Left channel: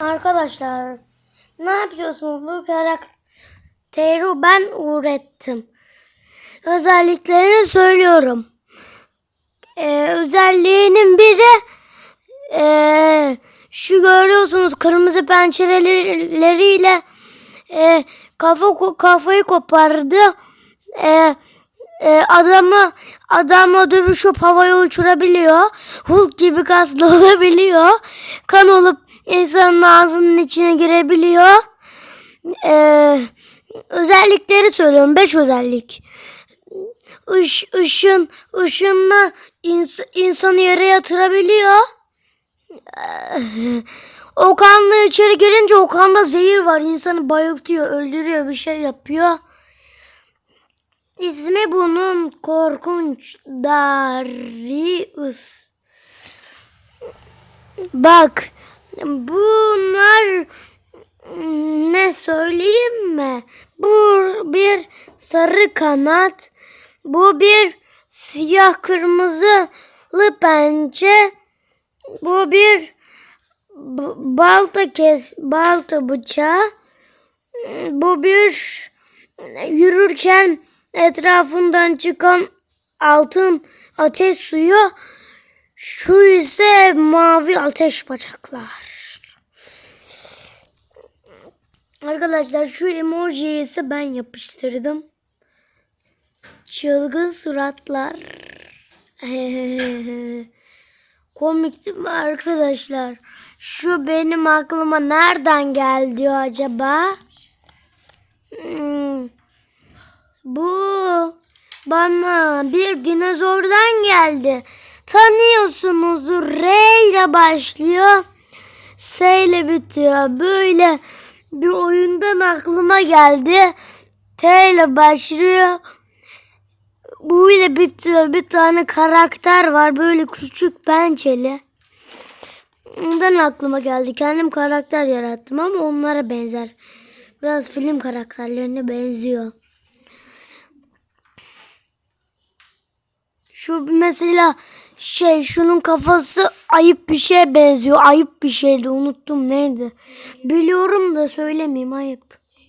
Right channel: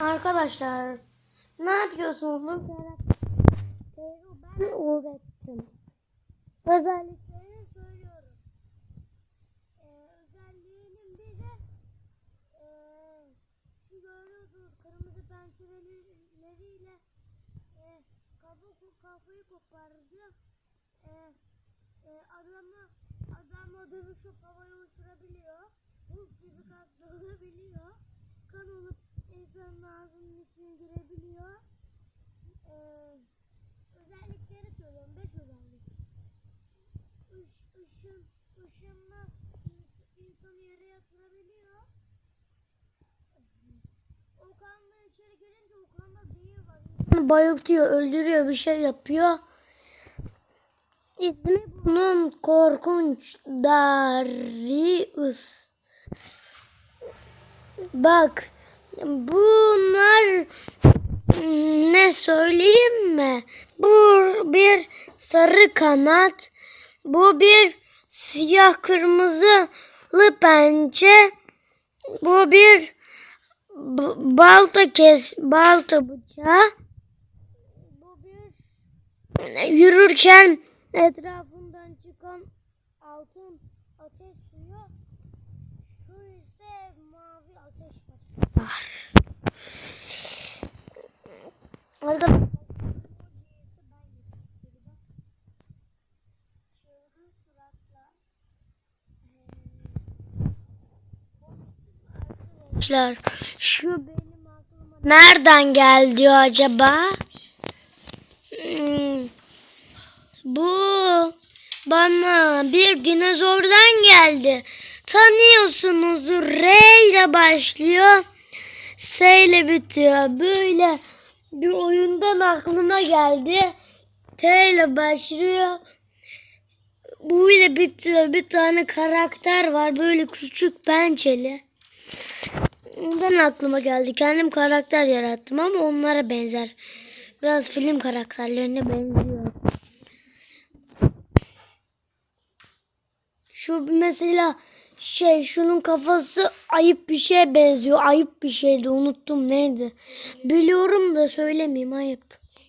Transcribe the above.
Arkadaşlar ne yapıyorsunuz? Bu karakteri ben ürettim. Özelliklerini söylüyorum. Ee, özelliğinin biri ee, şu görüyorsunuz kırmızı pençeleriyle ee, kafa kafayı kopardı. Ee, e, adamı adamla dövüşüp havaya uçurabiliyor. Hulk gibi kaslı olabiliyor. Kan olup insanın ağzının içine girebiliyor. Ee, özellikleri söylüyorum. Beş özellik. Iş, ışın, ışınla ins, insanı yere yatırabiliyor. Ee, o kanla içeri girince o kanda zehir var. İnsanı bayıltıyor, öldürüyor, bir şey yapıyor. İsmi bunun korkunç Darius. Bak bunlar ne söyleyeyim mi? Bu bir sarı kanat. Bu bir siyah kırmızılı pençe. Bu bir balta kes balta bıçağı. Bu bir yürürken etrafından çıkan altın ateş suyu. Şu mavi ateş bacaklar. Arkadaşlar şu emojiyi ise ben yapıştırdım. Çılgın suratlar. Komik değil mi arkadaşlar? Şu benim aklıma nereden geldi acaba? Hmm. Bu bana bir dinozordan geldi. Tanıyorsunuz R ile başlıyor. S ile bitiyor. Böyle bir oyundan aklıma geldi. T ile başlıyor. Bu ile bitiyor. Bir tane karakter var. Böyle küçük pençeli. Ondan aklıma geldi. Kendim karakter yarattım ama onlara benzer. Biraz film karakterlerine benziyor. Şu mesela şey şunun kafası ayıp bir şeye benziyor. Ayıp bir şeydi unuttum neydi. Biliyorum da söylemeyeyim ayıp.